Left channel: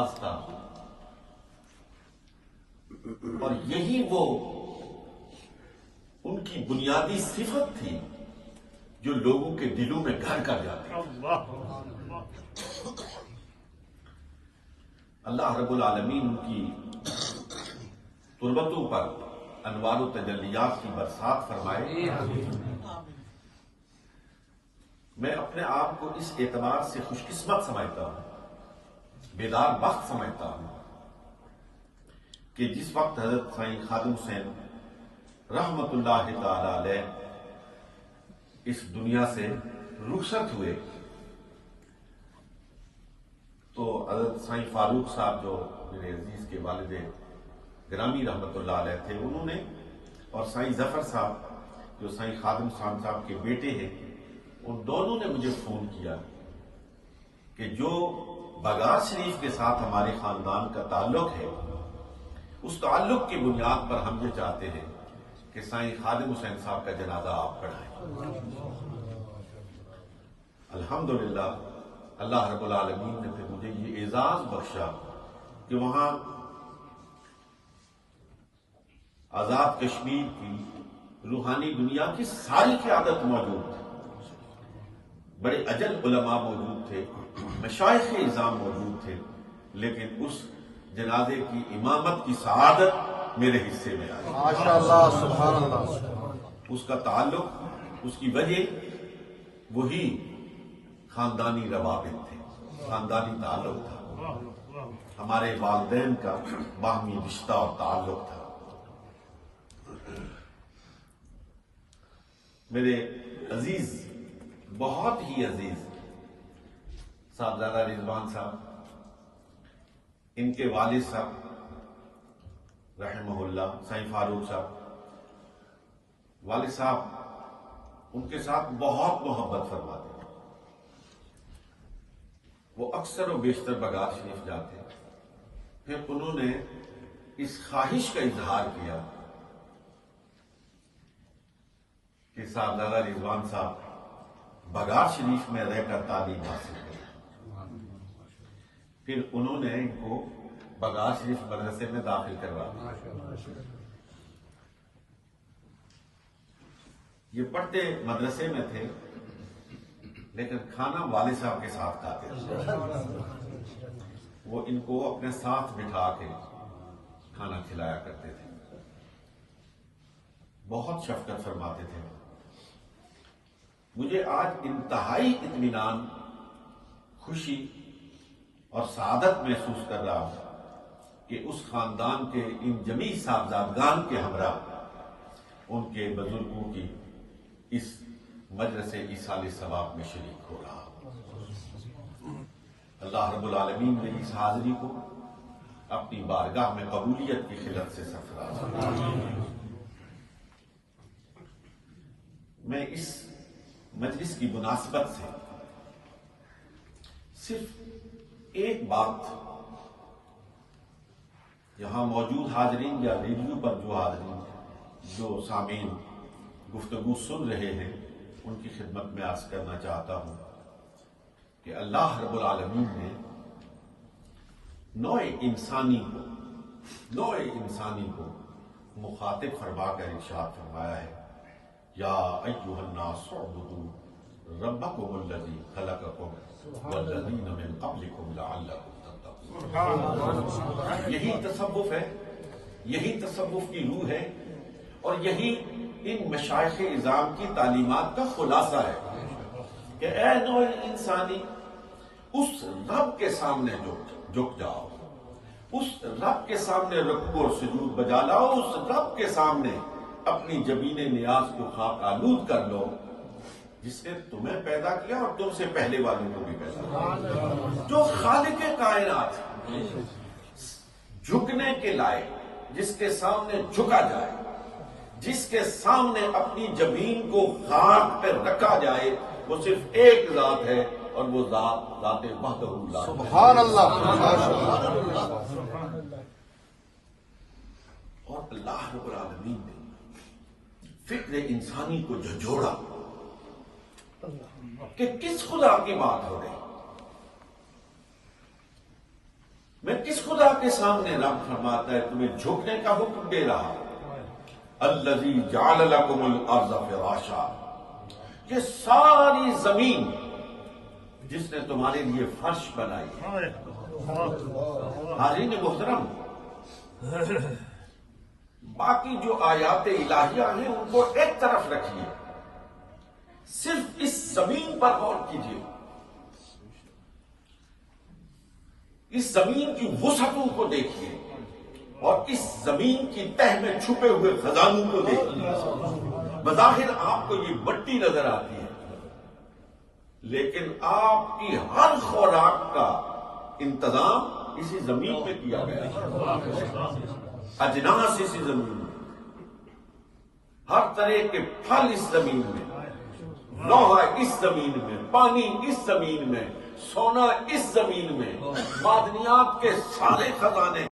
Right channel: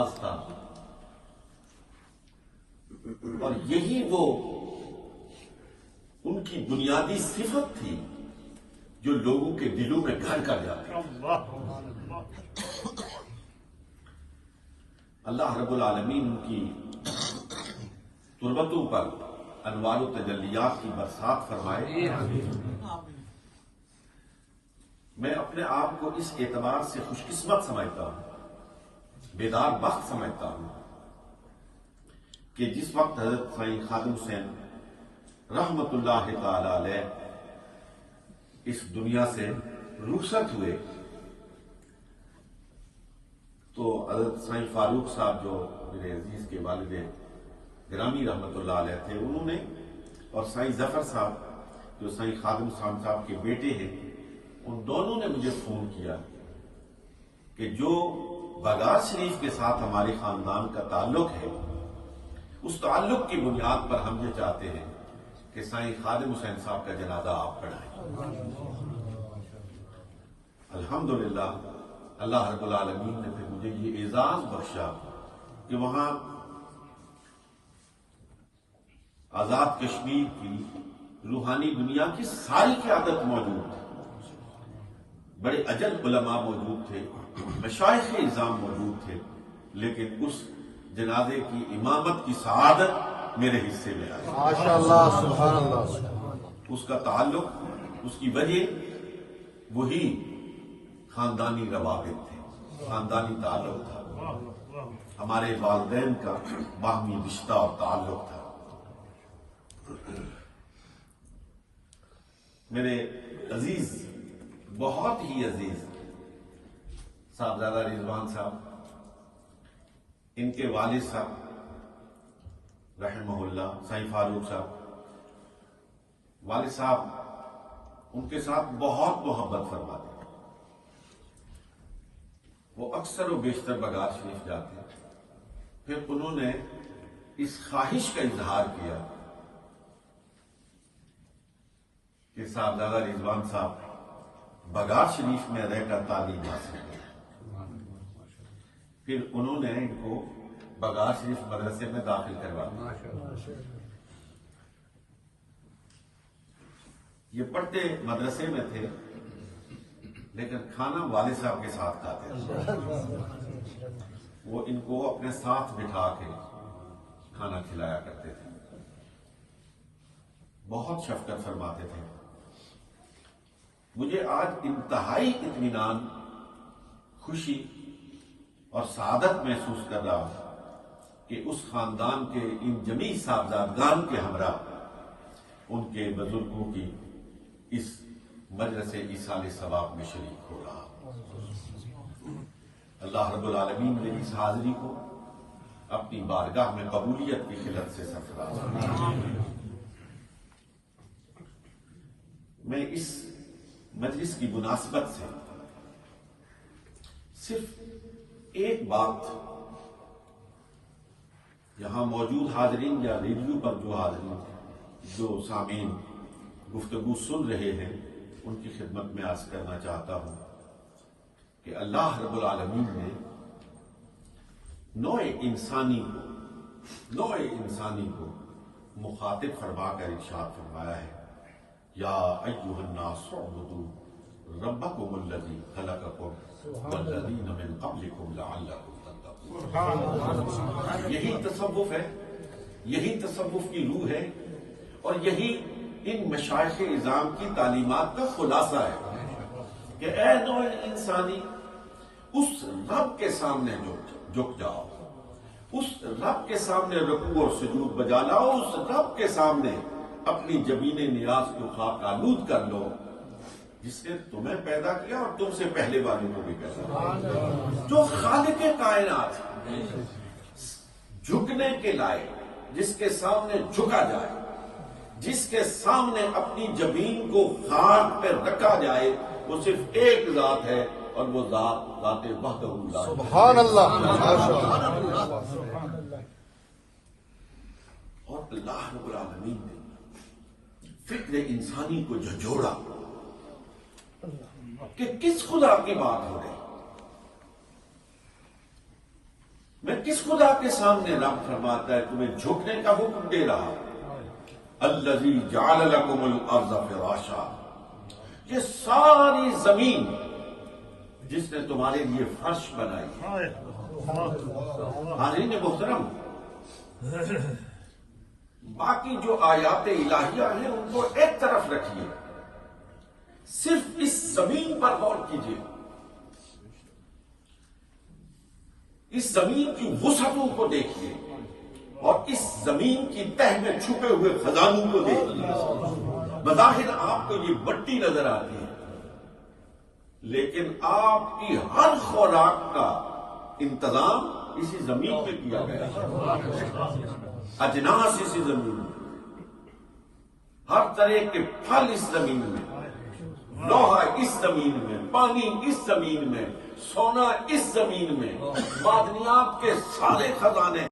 اعزاز تھا، اور یہی وہ ان کی بنیادی صفت تھی جو لوگوں کے دلوں میں گھر کر جاتی تھی۔ اللہ رب العالمین ان کی تربتوں پر انوار و تجلیات کی برسات فرمائے۔ میں اپنے آپ کو اس اعتبار سے خوش قسمت سمجھتا ہوں، بیدار بخت سمجھتا ہوں، کہ جس وقت حضرت سائیں خادم حسین رحمت اللہ تعالی علیہ اس دنیا سے رخصت ہوئے تو حضرت سائیں فاروق صاحب جو میرے عزیز کے والد گرامی رحمت اللہ علیہ تھے، انہوں نے، اور سائیں ظفر صاحب جو سائیں خادم حسین صاحب کے بیٹے ہیں، ان دونوں نے مجھے فون کیا کہ جو بگار شریف کے ساتھ ہمارے خاندان کا تعلق ہے، اس تعلق کی بنیاد پر ہم یہ چاہتے ہیں کہ سائیں خادم حسین صاحب کا جنازہ آپ پڑھائیں۔ الحمدللہ اللہ رب العالمین نے پھر مجھے یہ اعزاز بخشا کہ وہاں آزاد کشمیر کی روحانی دنیا کی ساری قیادت موجود تھی، بڑے اجل علماء موجود تھے، مشائخ اعظام موجود تھے، لیکن اس جنازے کی امامت کی سعادت میرے حصے میں آئی۔ اس کا تعلق، اس کی وجہ وہی خاندانی روابط تھے، خاندانی تعلق تھا، ہمارے والدین کا باہمی رشتہ اور تعلق تھا۔ میرے عزیز، بہت ہی عزیز صاحبزادہ رضوان صاحب، ان کے والد صاحب رحمہ اللہ سائیں فاروق صاحب، والد صاحب ان کے ساتھ بہت محبت فرماتے تھے۔ وہ اکثر و بیشتر بگار شریف جاتے، پھر انہوں نے اس خواہش کا اظہار کیا کہ صاحبزادہ رضوان صاحب بگار شریف میں رہ کر تعلیم حاصل کیا۔ پھر انہوں نے ان کو بگار شریف مدرسے میں داخل کروا دیا۔ یہ پڑھتے مدرسے میں تھے، لیکن کھانا والد صاحب کے ساتھ کھاتے تھے۔ وہ ان کو اپنے ساتھ بٹھا کے کھانا کھلایا کرتے تھے، بہت شفقت فرماتے تھے۔ مجھے آج انتہائی اطمینان، خوشی اور سعادت محسوس کر رہا ہوں کہ اس خاندان کے ان جمیع صاحبزادگان کے ہمراہ ان کے بزرگوں کی اس مجلس ایصال ثواب میں شریک ہو رہا ہوں۔ اللہ رب العالمین نے اس حاضری کو اپنی بارگاہ میں قبولیت کی خلت سے سرفراز کرے۔ میں اس مجلس کی مناسبت سے صرف ایک بات یہاں موجود حاضرین یا ریڈیو پر جو حاضرین، جو سامعین گفتگو سن رہے ہیں، ان کی خدمت میں عرض کرنا چاہتا ہوں کہ اللہ رب العالمین نے نوع انسانی کو مخاطب فرما کر ارشاد فرمایا ہے، یا ایھا الناس اعبدوا ربکم الذی خلقکم والذین من قبلکم لعلکم تتقون۔ یہی تصوف ہے، یہی تصوف کی روح ہے، اور یہی ان مشائخ اعظام کی تعلیمات کا خلاصہ ہے کہ اے نوع انسانی، اس رب کے سامنے جھک جاؤ، اس رب کے سامنے رکوع اور سجود بجا لاؤ، اس رب کے سامنے اپنی جبین نیاز کو خاک آلود کر لو جس نے تمہیں پیدا کیا اور تم سے پہلے والوں کو بھی پیدا کیا، جو خالق کائنات جھکنے کے لائق، جس کے سامنے جھکا جائے، جس کے سامنے اپنی جبین کو خاک پہ رکھا جائے، وہ صرف ایک ذات ہے، اور وہ ذات وحدہ لا سبحان اللہ۔ اور اللہ رب العالمین نے فکر انسانی کو جھنجھوڑا کہ کس خدا کی بات ہو رہی۔ میں کس خدا کے سامنے رب فرماتا ہے تمہیں جھکنے کا حکم دے رہا؟ الذی جعل لکم الارض فراشا، یہ ساری زمین جس نے تمہارے لیے فرش بنائی۔ حاضرین محترم، باقی جو آیات الہیہ ہیں ان کو ایک طرف رکھیے، صرف اس زمین پر غور کیجیے، اس زمین کی وسعتوں کو دیکھیے اور اس زمین کی تہ میں چھپے ہوئے خزانوں کو دیکھیے۔ بظاہر آپ کو یہ مٹی نظر آتی ہے، لیکن آپ کی ہر خوراک کا انتظام اسی زمین میں کیا گیا ہے، اجناس اسی زمین میں، ہر طرح کے پھل اس زمین میں، لوہا اس زمین میں، پانی اس زمین میں، سونا اس زمین میں، معدنیات کے سارے خزانے